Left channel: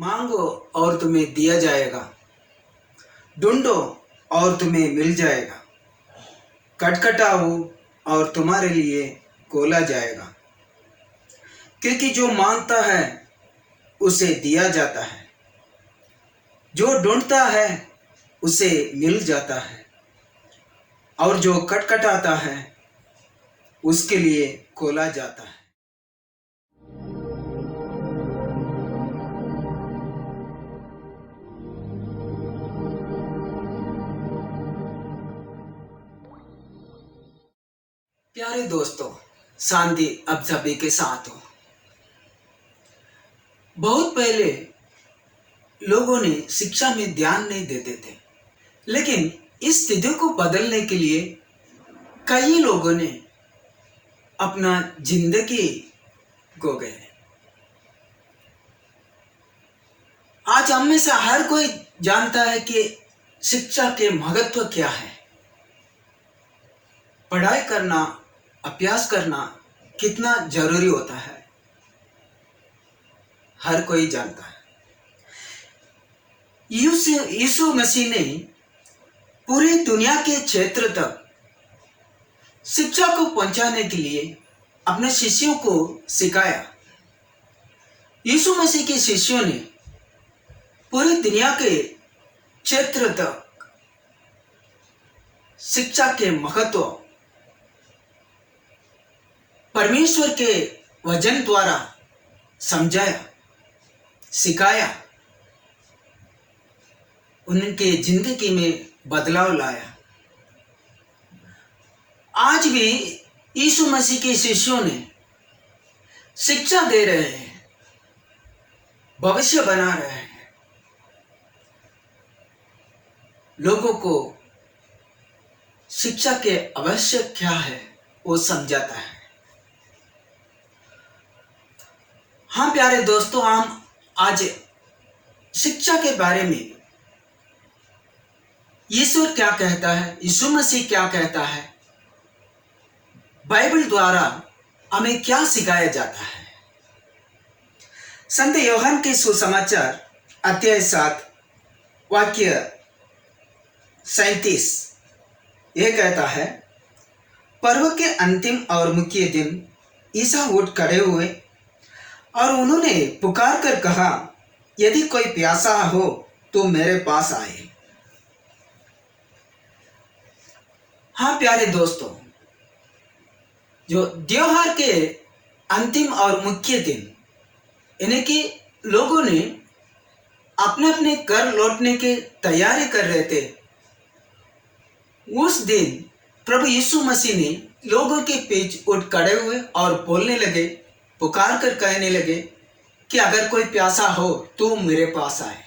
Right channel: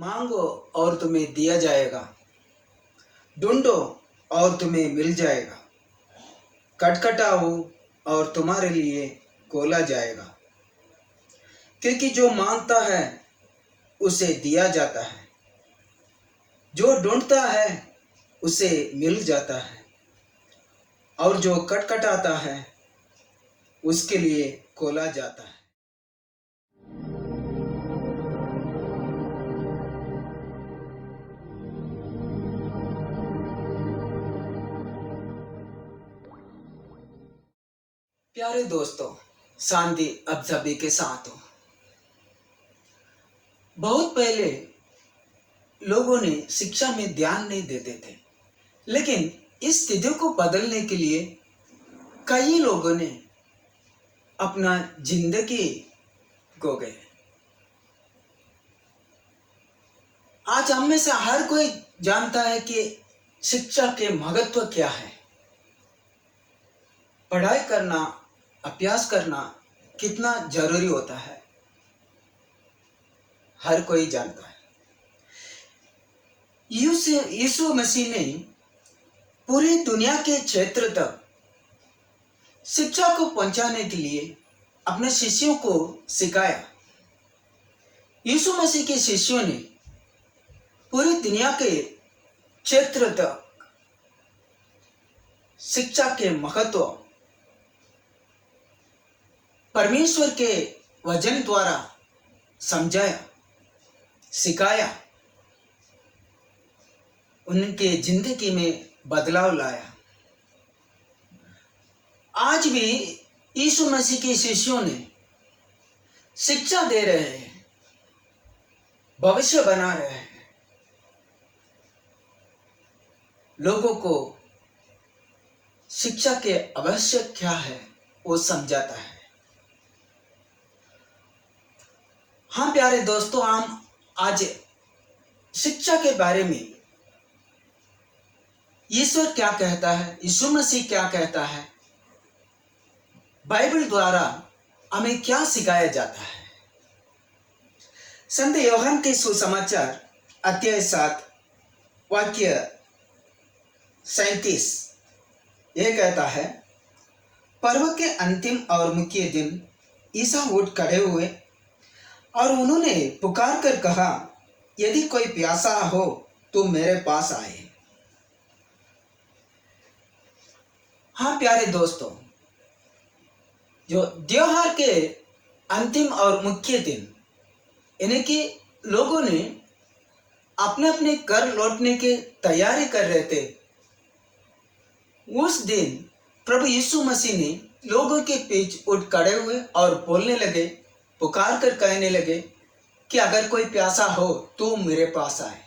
मांगो और तुम्हें दिया जाएगा, ढूंढो और तुम्हें मिल जाएगा, खटखटाओ और तुम्हारे लिए खोला जाएगा। क्योंकि जो मांगता है उसे दिया जाता है, जो ढूंढता है उसे मिल जाता है, और जो खटखटाता है उसके लिए खोला जाता है। प्यारे दोस्तों, शांति अब सभी के साथ हो। बहुत पहले लोगों ने शिक्षा में ध्यान नहीं देते थे, लेकिन इस स्थिति को बदलने के लिए कई लोगों ने अपना जिंदगी खो गए। आज हम में से हर कोई जानता है कि शिक्षा के महत्व क्या है। पढ़ाई करना, अभ्यास करना कितना जरूरी होता है, हर कोई जानता है। यीशु मसीह ने पूरी दुनिया के क्षेत्र तक शिक्षा को पहुंचाने के लिए अपने शिष्यों को सिखाया। यीशु मसीह के शिष्यों ने पूरी दुनिया के क्षेत्र तक शिक्षा के महत्व परमेश्वर के वचन द्वारा समझाया, सिखाया, उनके जिंदगी में बदलाव लाया। आज भी यीशु मसीह के शिष्यों ने शिक्षा दे रहे हैं, भविष्य बना रहे हैं, लोगों को शिक्षा के आवश्यक क्या है वो समझाता है। हाँ प्यारे दोस्तों, हम आज शिक्षा के बारे में ईश्वर क्या कहता है, यीशु मसीह क्या कहता है, बाइबल द्वारा हमें क्या सिखाया जाता है। संत यूहन्ना के सुसमाचार अध्याय 7 वाक्य 37 यह कहता है, पर्व के अंतिम और मुख्य दिन ईसा उठ खड़े हुए और उन्होंने पुकार कर कहा, यदि कोई प्यासा हो तो मेरे पास आए। हाँ प्यारे दोस्तों, जो त्योहार के अंतिम और मुख्य दिन यानी कि लोगों ने अपने अपने घर लौटने की तैयारी कर रहे थे, उस दिन प्रभु यीशु मसीह ने लोगों के बीच उठ खड़े हुए और बोलने लगे, पुकार कर कहने लगे कि अगर कोई प्यासा हो तो मेरे पास आए।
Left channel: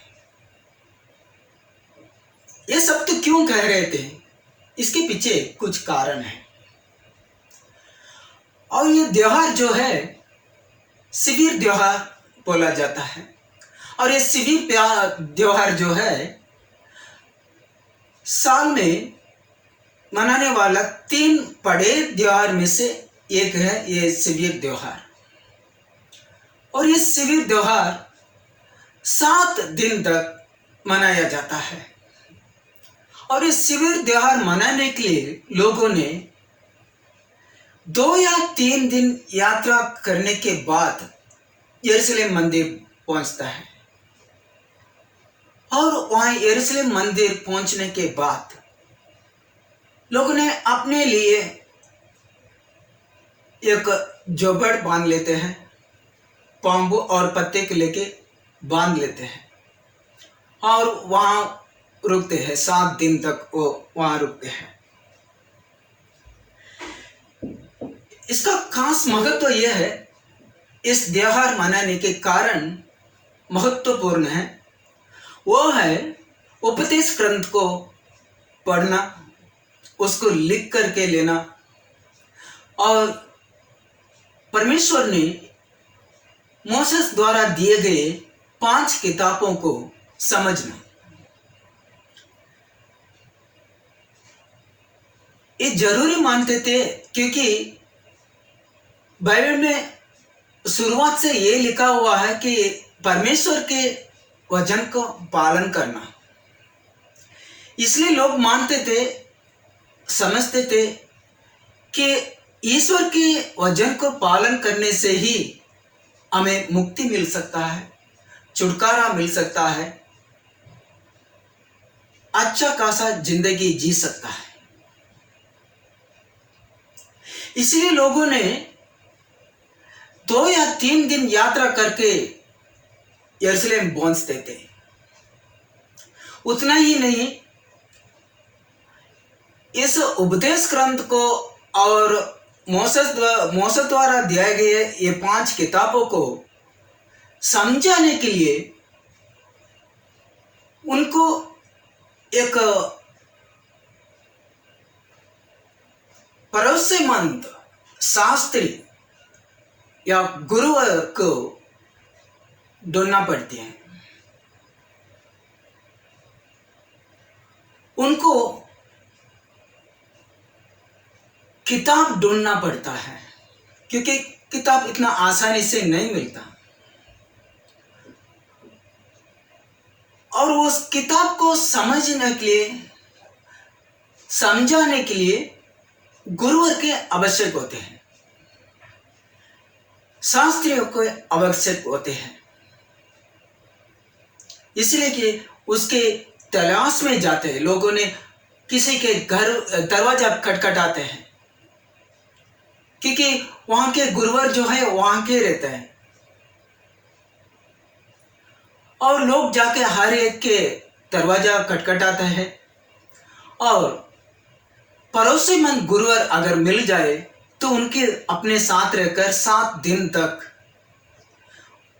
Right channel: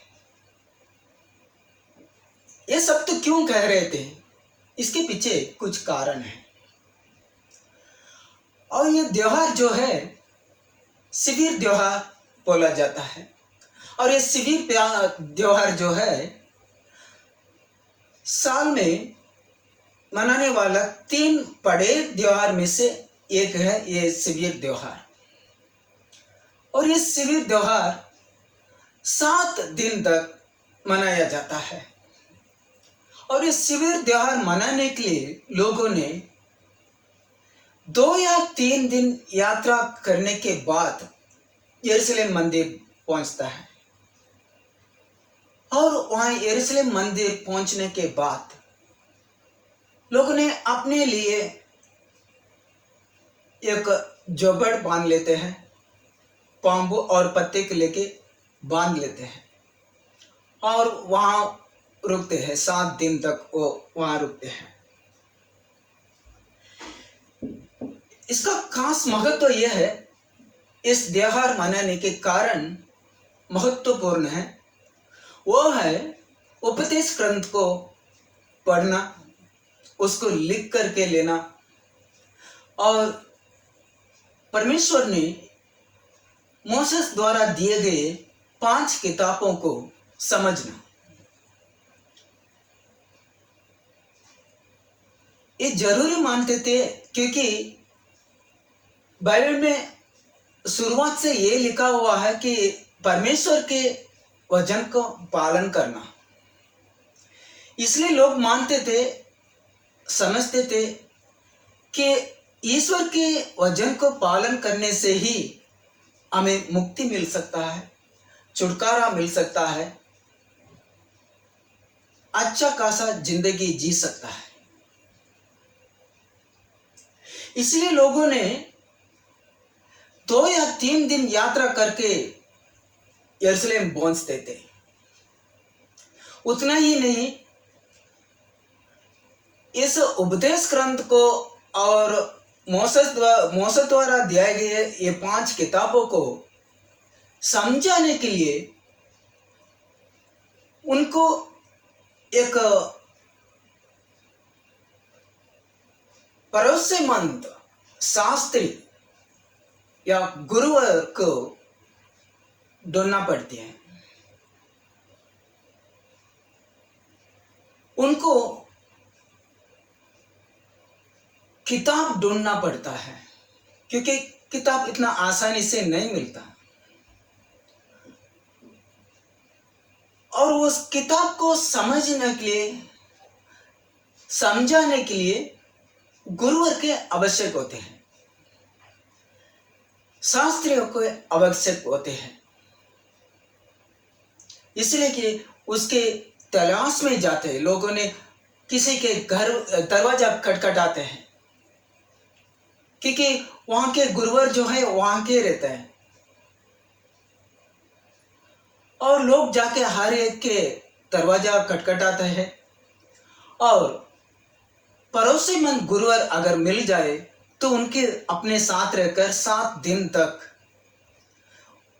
ये सब तो क्यों कह रहे थे? इसके पीछे कुछ कारण है। और ये त्योहार जो है शिविर त्योहार बोला जाता है, और ये शिविर त्योहार जो है साल में मनाने वाला 3 बड़े त्योहार में से एक है ये शिविर त्योहार। और ये शिविर त्योहार 7 दिन तक मनाया जाता है। और ये शिविर त्योहार मनाने के लिए लोगों ने 2 या 3 दिन यात्रा करने के बाद यरूशलेम मंदिर पहुंचता है। और वहां यरूशलेम मंदिर पहुंचने के बाद लोगों ने अपने लिए एक जोबड़ बांध लेते हैं, बांबू और पत्ते के लेके बांध लेते हैं और वहां रुकते हैं। 7 दिन तक वो वहां रुकते हैं। इसका खास महत्व यह है, इस त्योहार मनाने के कारण महत्वपूर्ण है, वो है उपदेश ग्रंथ को पढ़ना, उसको लिख करके लेना और परमेश्वर ने मूसेस द्वारा दिए गए 5 किताबों को समझना। ये जरूरी मानते थे क्योंकि बाइबल में शुरुआत से ये लिखा हुआ है कि परमेश्वर के वचन को पालन करना। इसलिए लोग मानते थे, समझते थे कि ईश्वर के वचन को पालन करने से ही हमें मुक्ति मिल सकता है, छुटकारा मिल सकता है, अच्छा खासा जिंदगी जी सकता है। इसलिए लोगों ने 2 या 3 दिन यात्रा करके यरूशलेम पहुंचते थे। उतना ही नहीं, इस उपदेश ग्रंथ को और मोसेस द्वारा दिए गए ये 5 किताबों को समझाने के लिए उनको एक भरोसेमंद शास्त्री या गुरु को ढूंढना पड़ती है। उनको किताब ढूंढना पड़ता है, क्योंकि किताब इतना आसानी से नहीं मिलता। और उस किताब को समझने के लिए, समझाने के लिए गुरुवर के आवश्यक होते हैं, शास्त्रियों को आवश्यक होते हैं। इसलिए कि उसके तलाश में जाते हैं। लोगों ने किसी के घर दरवाजा खटखटाते हैं, क्योंकि वहां के गुरुवर जो है वहां के रहते हैं, और लोग जाके हर एक के दरवाजा खटखटाते हैं। और भरोसेमंद गुरुवर अगर मिल जाए तो उनके अपने साथ रहकर 7 दिन तक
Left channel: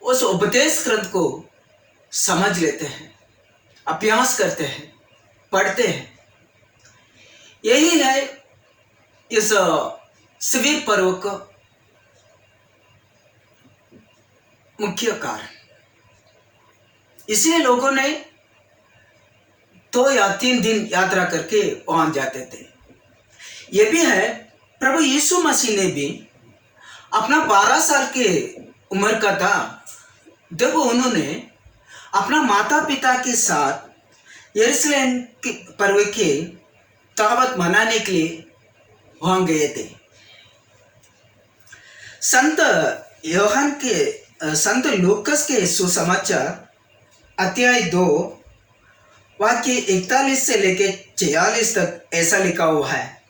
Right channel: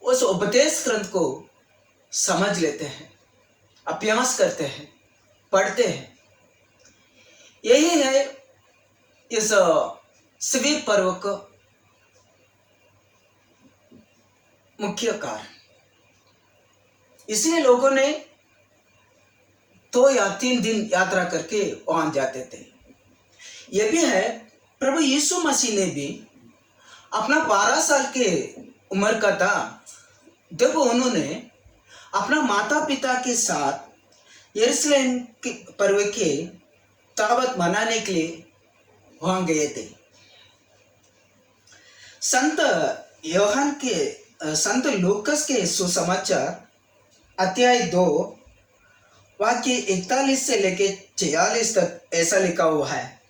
उस उपदेश ग्रंथ को समझ लेते हैं, अभ्यास करते हैं, पढ़ते हैं। यही है इस शिविर पर्व का मुख्य कारण। इसलिए लोगों ने 2 या 3 दिन यात्रा करके वहां जाते थे। यह भी है, प्रभु यीशु मसीह ने भी अपना 12 साल के उम्र का था जब उन्होंने अपना माता पिता के साथ यरूशलेम के पर्व के दावत मनाने के लिए वहां गए थे। संत लूकस के सुसमाचार अध्याय 2 वाक्य 41 से लेकर 46 तक ऐसा लिखा हुआ है।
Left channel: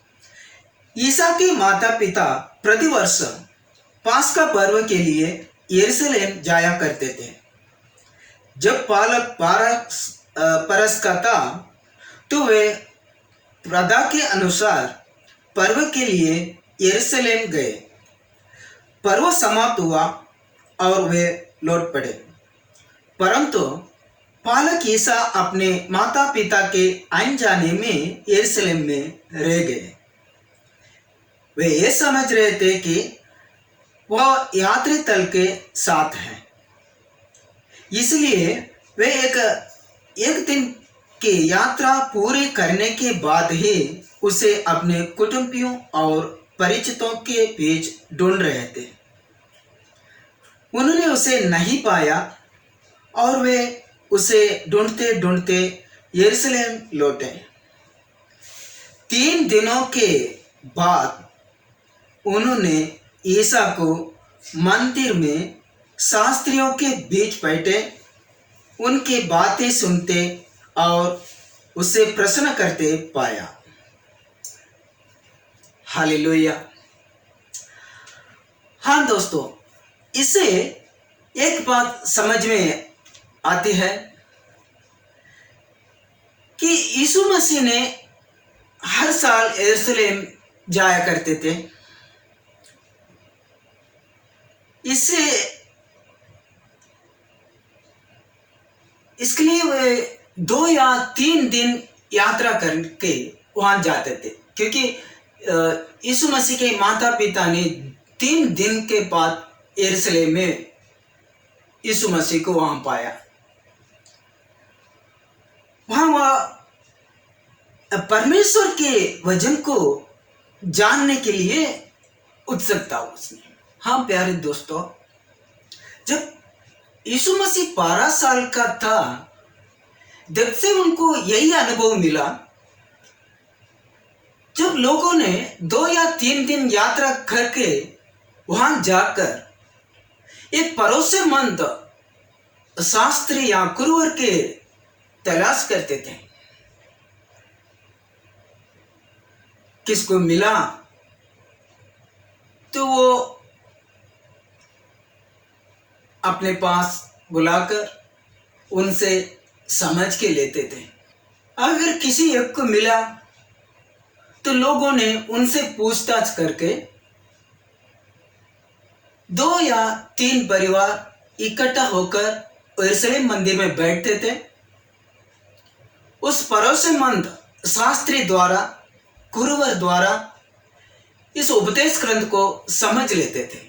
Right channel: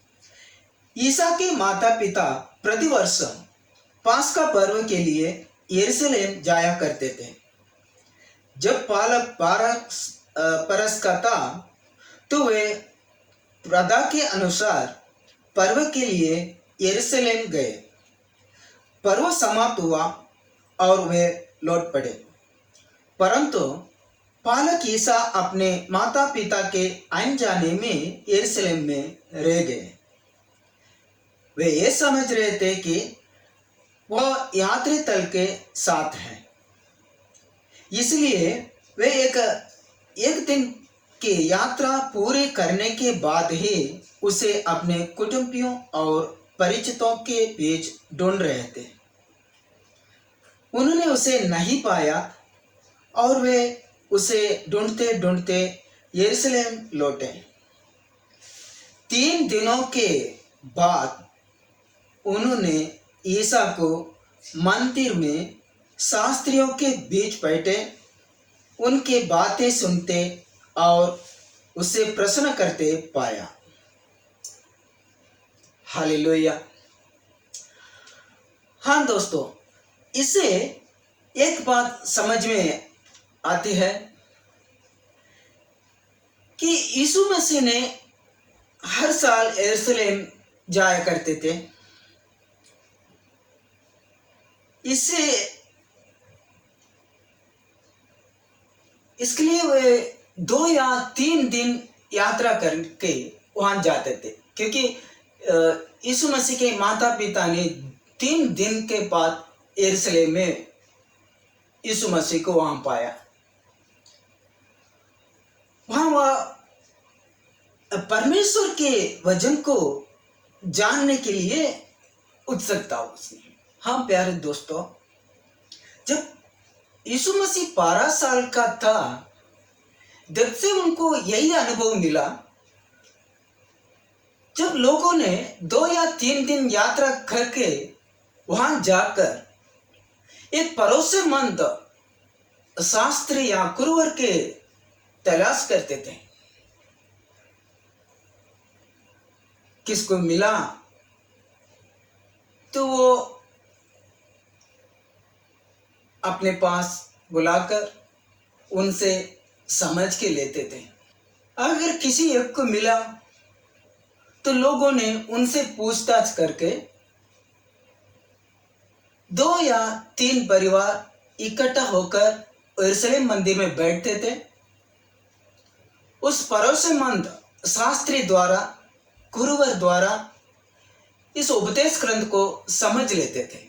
ईसा के माता पिता प्रतिवर्ष पास्का पर्व के लिए यरूशलेम जाया करते थे। जब बालक 12 बरस का था तो वे प्रथा के अनुसार पर्व के लिए यरूशलेम गए। पर्व समाप्त हुआ और वे लौट पड़े, परंतु बालक ईसा अपने माता पिता के आने जाने में यरूशलेम में रह गए। वे ये समझ रहे थे कि वह यात्री दल के साथ हैं, इसलिए वे एक दिन की यात्रा पूरी करने के बाद ही उसे अपने कुटुंबियों और परिचितों के बीच ढूंढ रहे थे। उन्होंने उसे नहीं पाया और वे उसे ढूंढते ढूंढते यरूशलेम लौटे। 3 दिनों के बाद उन्होंने ईसा को मंदिर में शास्त्रियों के बीच बैठे उनकी बातें सुनते और उसे प्रश्न करते पाया। हालेलुया। हाँ दोस्तों, इससे एक बात समझ में आती है कि यीशु मसीह ने हर साल यरूशलेम जाया करते थे। इसके लिए वे 2 या 3 दिन यात्रा करके वहां जाते थे, क्योंकि यीशु मसीह के माता पिता ने 3 दिन के बाद यरूशलेम में यीशु मसीह को वहां पाया। वहां वह परमेश्वर के वचन को जानने के लिए उत्सुक था उसने। हाँ प्यारे दोस्तों, जब यीशु मसीह 12 साल का था, जब से उनको यही अनुभव मिला। जब लोगों ने 2 या 3 दिन यात्रा करके वहां जाकर एक भरोसेमंद शास्त्री या गुरुवर के तलाश करते थे, किसको मिला तो वो अपने पास बुलाकर उनसे समझ के लेते थे। अगर किसी एक को मिला तो लोगों ने उनसे पूछताछ करके 2 या 3 परिवार इकट्ठा होकर यरूशलेम मंदिर में बैठते थे। उस भरोसेमंद शास्त्री द्वारा, गुरुवर द्वारा इस उपदेश ग्रंथ को समझ लेते थे।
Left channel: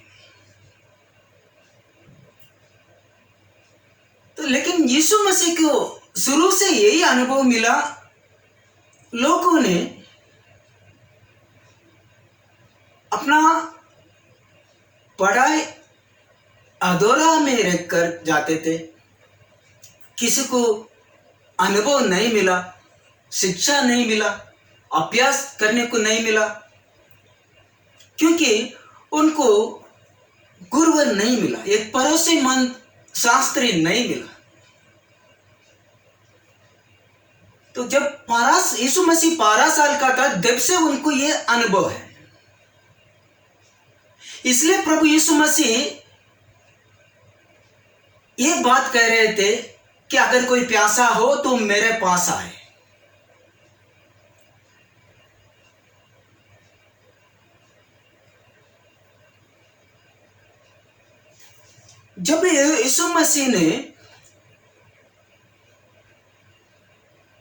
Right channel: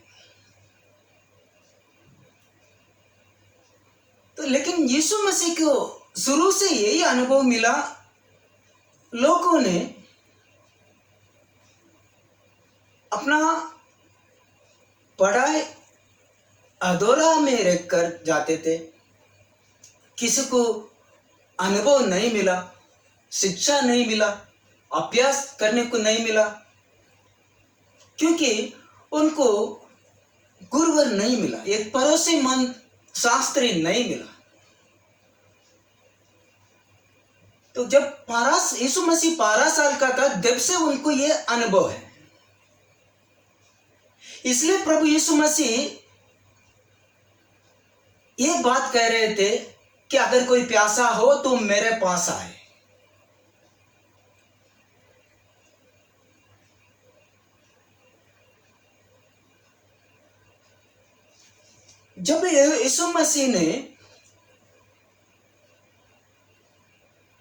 तो लेकिन यीशु मसीह को शुरू से यही अनुभव मिला। लोगों ने अपना पढ़ाई अधूरा में रखकर जाते थे, किसी को अनुभव नहीं मिला, शिक्षा नहीं मिला, अभ्यास करने को नहीं मिला, क्योंकि उनको गुरुवर नहीं मिला, एक भरोसेमंद शास्त्री नहीं मिला। तो जब यीशु मसीह 12 साल का था, जब से उनको यह अनुभव है। इसलिए प्रभु यीशु मसीह ये बात कह रहे थे कि अगर कोई प्यासा हो तो मेरे पास आए। जब यीशु मसीह ने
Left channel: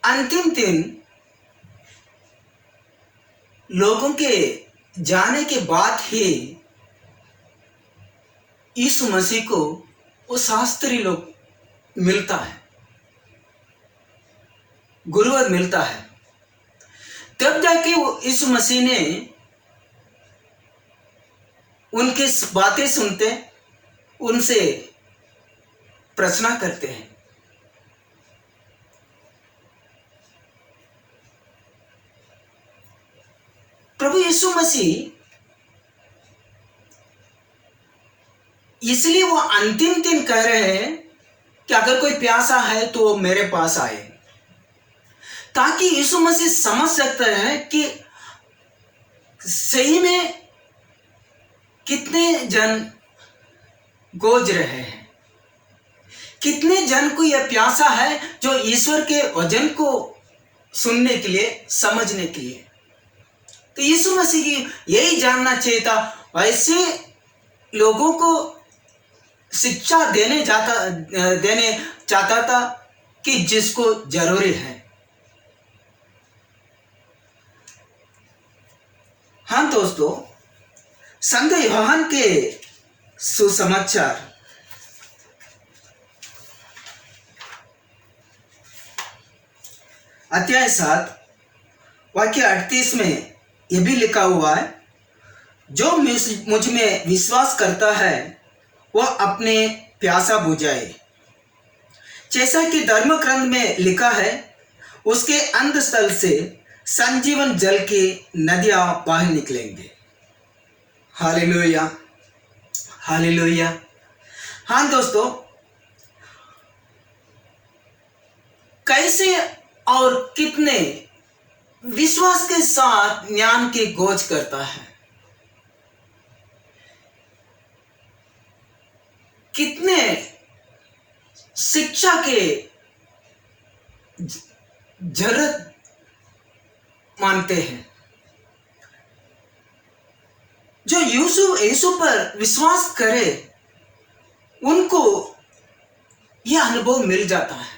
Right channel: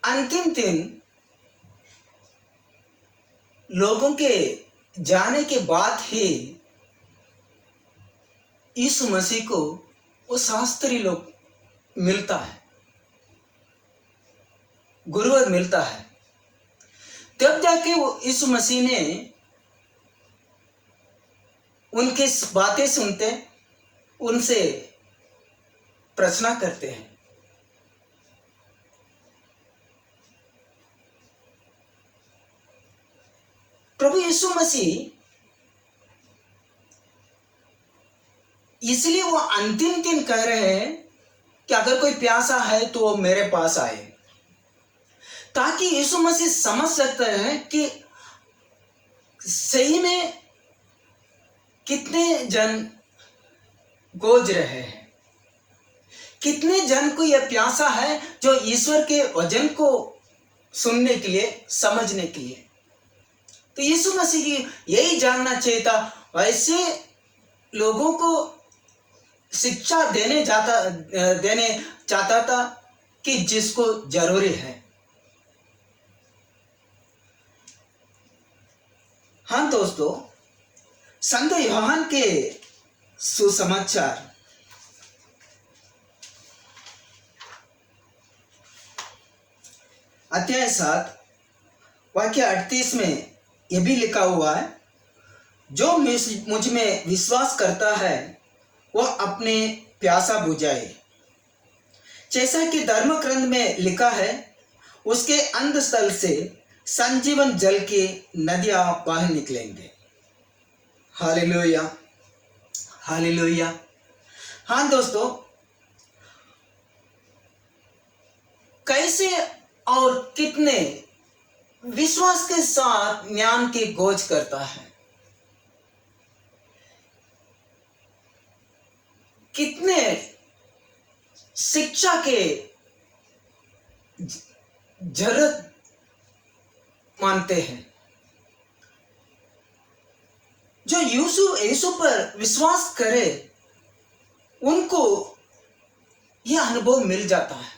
अंतिम दिन लोगों के जाने के बाद ही यीशु मसीह को वो शास्त्री लोग मिलता है, गुरुवर मिलता है। तब जाके वो यीशु मसीह ने उनकी बातें सुनते, उनसे प्रश्न करते हैं। प्रभु यीशु मसीह इसलिए वो अंतिम दिन कह रहे हैं कि अगर कोई प्यासा है तो मेरे पास आए, ताकि यीशु मसीह समझ सकते हैं कि सही में कितने जन गोज रहे हैं, कितने जन को यह प्यासा है जो ईश्वर के वचन को सुनने के लिए, समझने के लिए। तो यीशु मसीह की यही जानना चाहिए था, ऐसे लोगों को शिक्षा देने चाहता था कि जिसको जरूरी है। हाँ दोस्तों, संत यूहन्ना के सुसमाचार अध्याय 7 वाक्य 38 में यह भी लिखा हुआ है, जो मुझ में विश्वास करता है वह अपने प्यासा बुझाए, जैसा कि धर्म ग्रंथ में लिखा है, उसके अंतस्थल से संजीवन जल की नदियां बाहर निकलेंगे। Hallelujah, hallelujah. हाँ दोस्तों, कैसे और कितने विश्वास के साथ ज्ञान की खोज करता है, कितने शिक्षा के जरूरत मानते हैं, जो यीशु पर विश्वास करे उनको यह अनुभव मिल जाता है।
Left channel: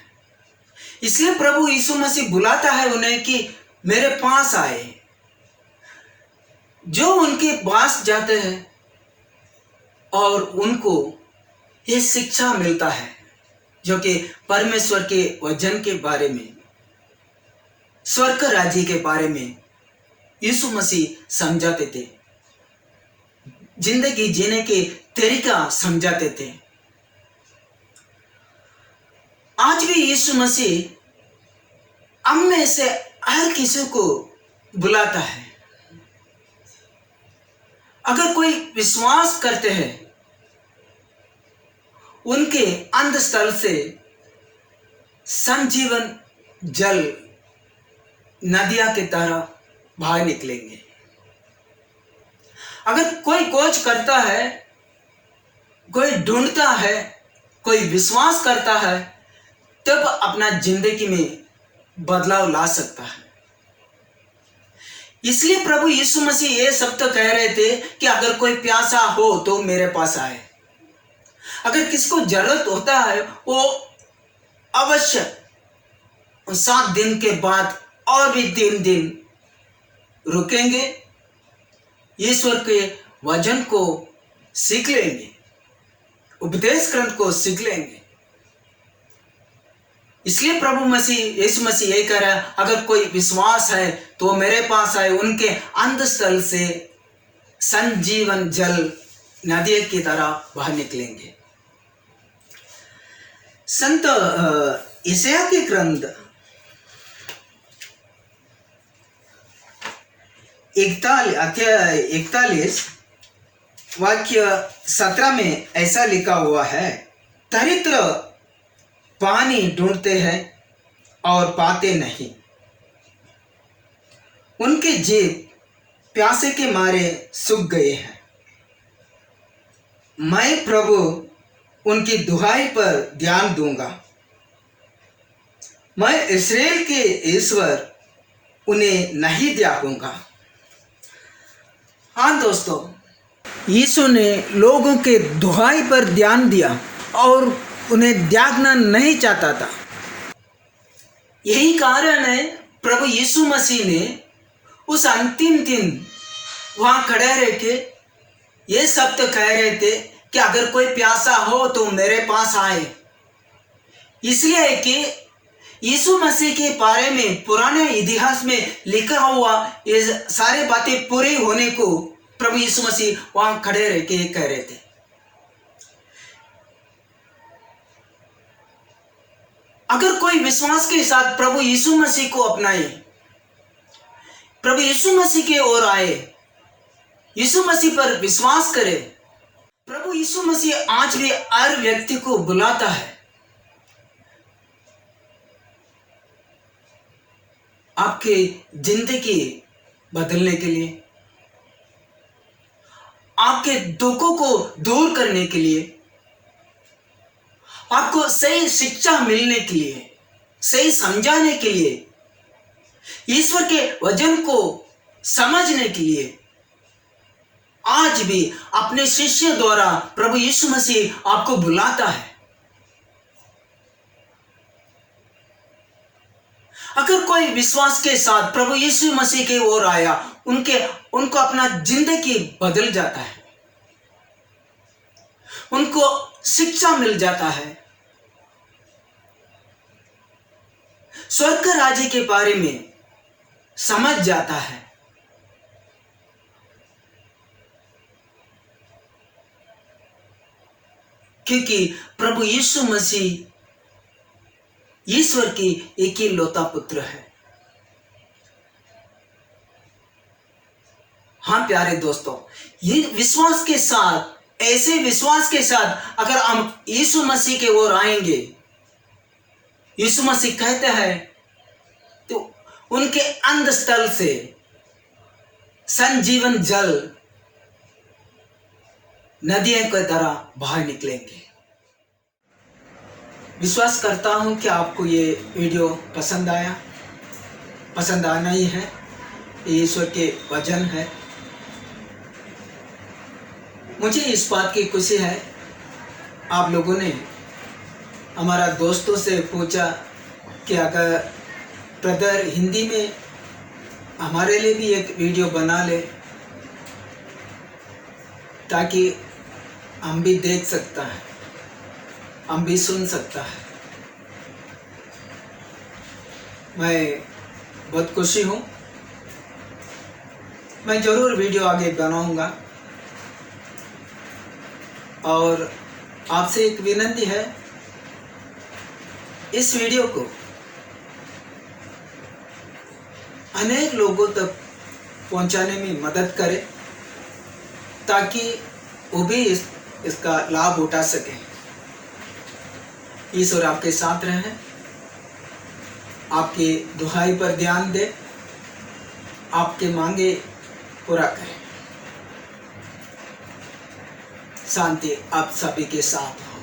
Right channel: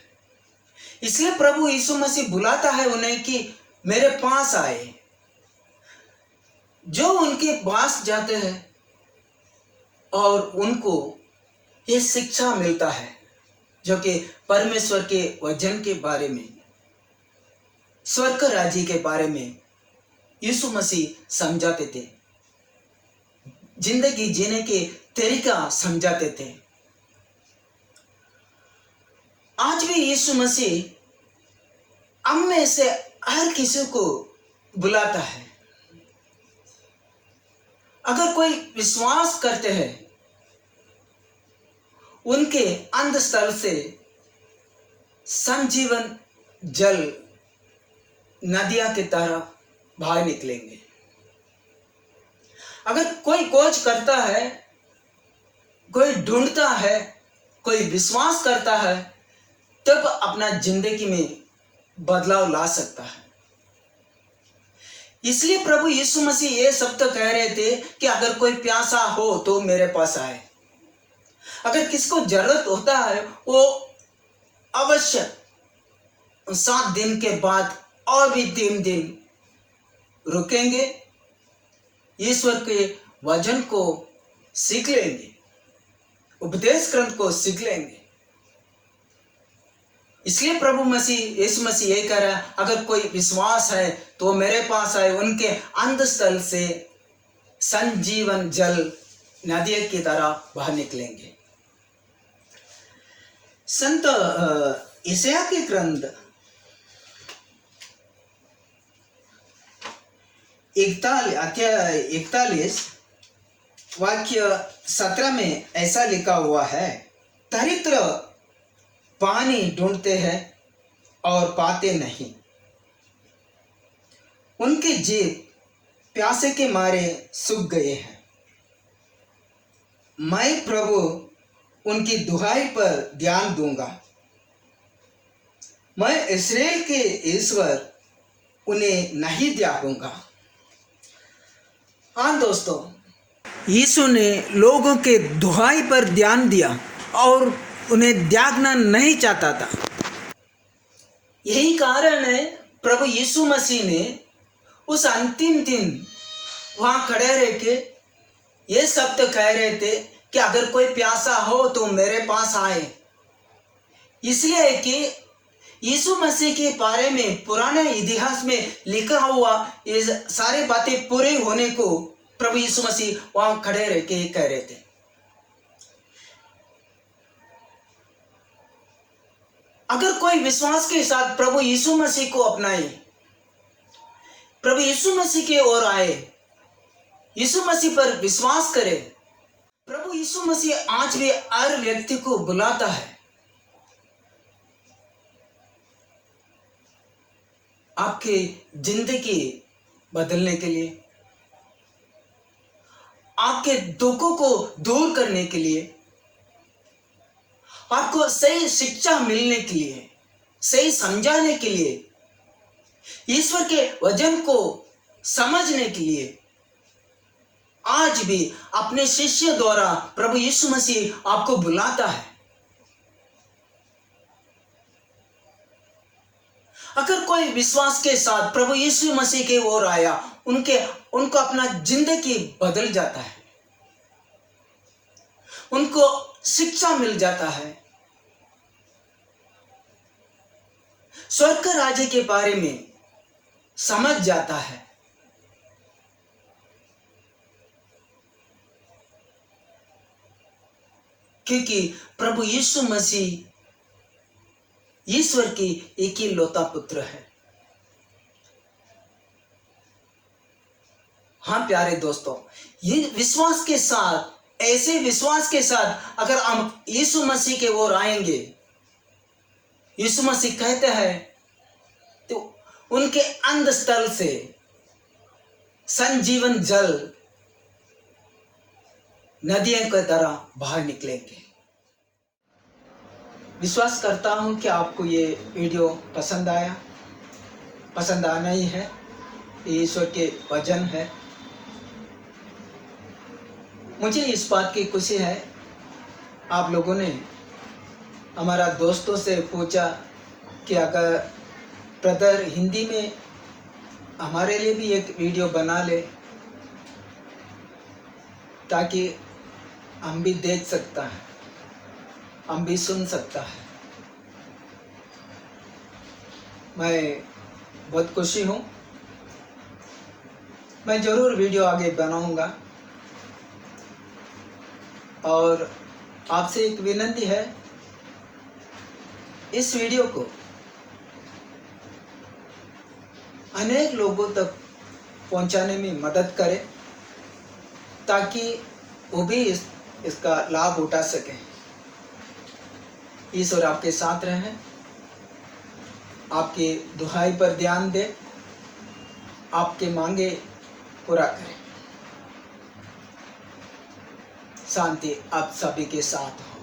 इसलिए प्रभु यीशु मसीह बुलाता है उन्हें कि मेरे पास आए। जो उनके पास जाते हैं और उनको ये शिक्षा मिलता है, जो कि परमेश्वर के वचन के बारे में, स्वर्ग राज्य के बारे में यीशु मसीह समझाते थे, जिंदगी जीने के तरीका समझाते थे। भी यीशु मसीह हम में से हर किसी को बुलाता है। अगर कोई विश्वास करते हैं, उनके अंतःस्थल से संजीवन जल नदियां की तरह बाहर निकलेंगे। अगर कोई खोज करता है, कोई ढूंढता है, कोई विश्वास करता है, तब अपना जिंदगी में बदलाव ला सकता है। इसलिए प्रभु यीशु मसीह ये शब्द कह रहे थे कि अगर कोई प्यासा हो तो मेरे पास आए। अगर किसी को जरूरत होता है, वो अवश्य 7 दिन के बाद और भी 3 दिन रुकेंगे, ईश्वर के वचन को सीख लेंगे, उपदेश ग्रंथ को सीख लेंगे। इसलिए प्रभु मसीह यीशु मसीह यही कह रहा है, अगर कोई विश्वास है तो मेरे पास आए, उनके अंतःस्थल से संजीवन जल नदी की तरह बाहर निकलेंगे। संत यशायाह के ग्रंथ 41 वाक्य 17 में ऐसा लिखा हुआ है, दरिद्र पानी ढूंढते हैं और पाते नहीं, उनके जीव प्यासे के मारे सूख गए हैं। मैं प्रभु उनकी दुहाई पर ध्यान दूंगा, मैं इस्राएल के ईश्वर उन्हें नहीं त्यागूंगा। हाँ दोस्तों, यीशु ने लोगों के दुहाई पर ध्यान दिया और उन्हें त्यागना नहीं चाहता था। यही कारण है प्रभु यीशु मसीह ने उस अंतिम दिन वहां खड़े रह के ये शब्द कह रहे थे कि अगर कोई प्यासा हो तो मेरे पास आए। इसलिए कि यीशु मसीह के बारे में पुराने इतिहास में लिखा हुआ ये सारी बातें पूरी होने को प्रभु यीशु मसीह वहां खड़े रह के कह रहे थे। अगर कोई विश्वास के साथ प्रभु यीशु मसीह को अपनाए, प्रभु यीशु मसीह की ओर आए, यीशु मसीह पर विश्वास करे, प्रभु यीशु मसीह आज भी हर व्यक्ति को बुलाता है आपके जिंदगी बदलने के लिए, आपके दुखों को दूर करने के लिए, आपको सही शिक्षा मिलने के लिए, सही समझाने के लिए, ईश्वर के वचन को समझने के लिए आज भी अपने शिष्य द्वारा प्रभु यीशु मसीह आपको बुलाता है। अगर कोई विश्वास के साथ प्रभु यीशु मसीह की ओर आया, उनको अपना जिंदगी बदल जाता है, उनको शिक्षा मिल जाता है, स्वर्ग राज्य के बारे में समझ जाता है। क्योंकि प्रभु यीशु मसीह ईश्वर की एक ही लौता पुत्र है। हाँ प्यारे दोस्तों, ये विश्वास के साथ, ऐसे विश्वास के साथ अगर हम यीशु मसीह की ओर आएंगे, यीशु मसीह कहते हैं तो उनके अंतःस्थल से संजीवन जल नदियों की तरह बाहर निकलेंगे। विश्वास करता हूं कि आपको ये वीडियो पसंद आया, पसंद आना ही है, ईश्वर के वचन है। मुझे इस बात की खुशी है, आप लोगों ने हमारा दोस्तों से पूछा कि अगर ब्रदर हिंदी में हमारे लिए भी एक वीडियो बना ले ताकि हम भी देख सकता है, हम भी सुन सकता है। मैं बहुत खुशी हूँ, मैं ज़रूर वीडियो आगे बनाऊंगा। और आपसे एक विनती है, इस वीडियो को अनेक लोगों तक पहुंचाने में मदद करें ताकि वो भी इसका लाभ उठा सकें। ईश्वर आपके साथ रहे, आपकी दुहाई पर ध्यान दे, आपके मांगे पूरा करें। शांति आप सभी के साथ हो।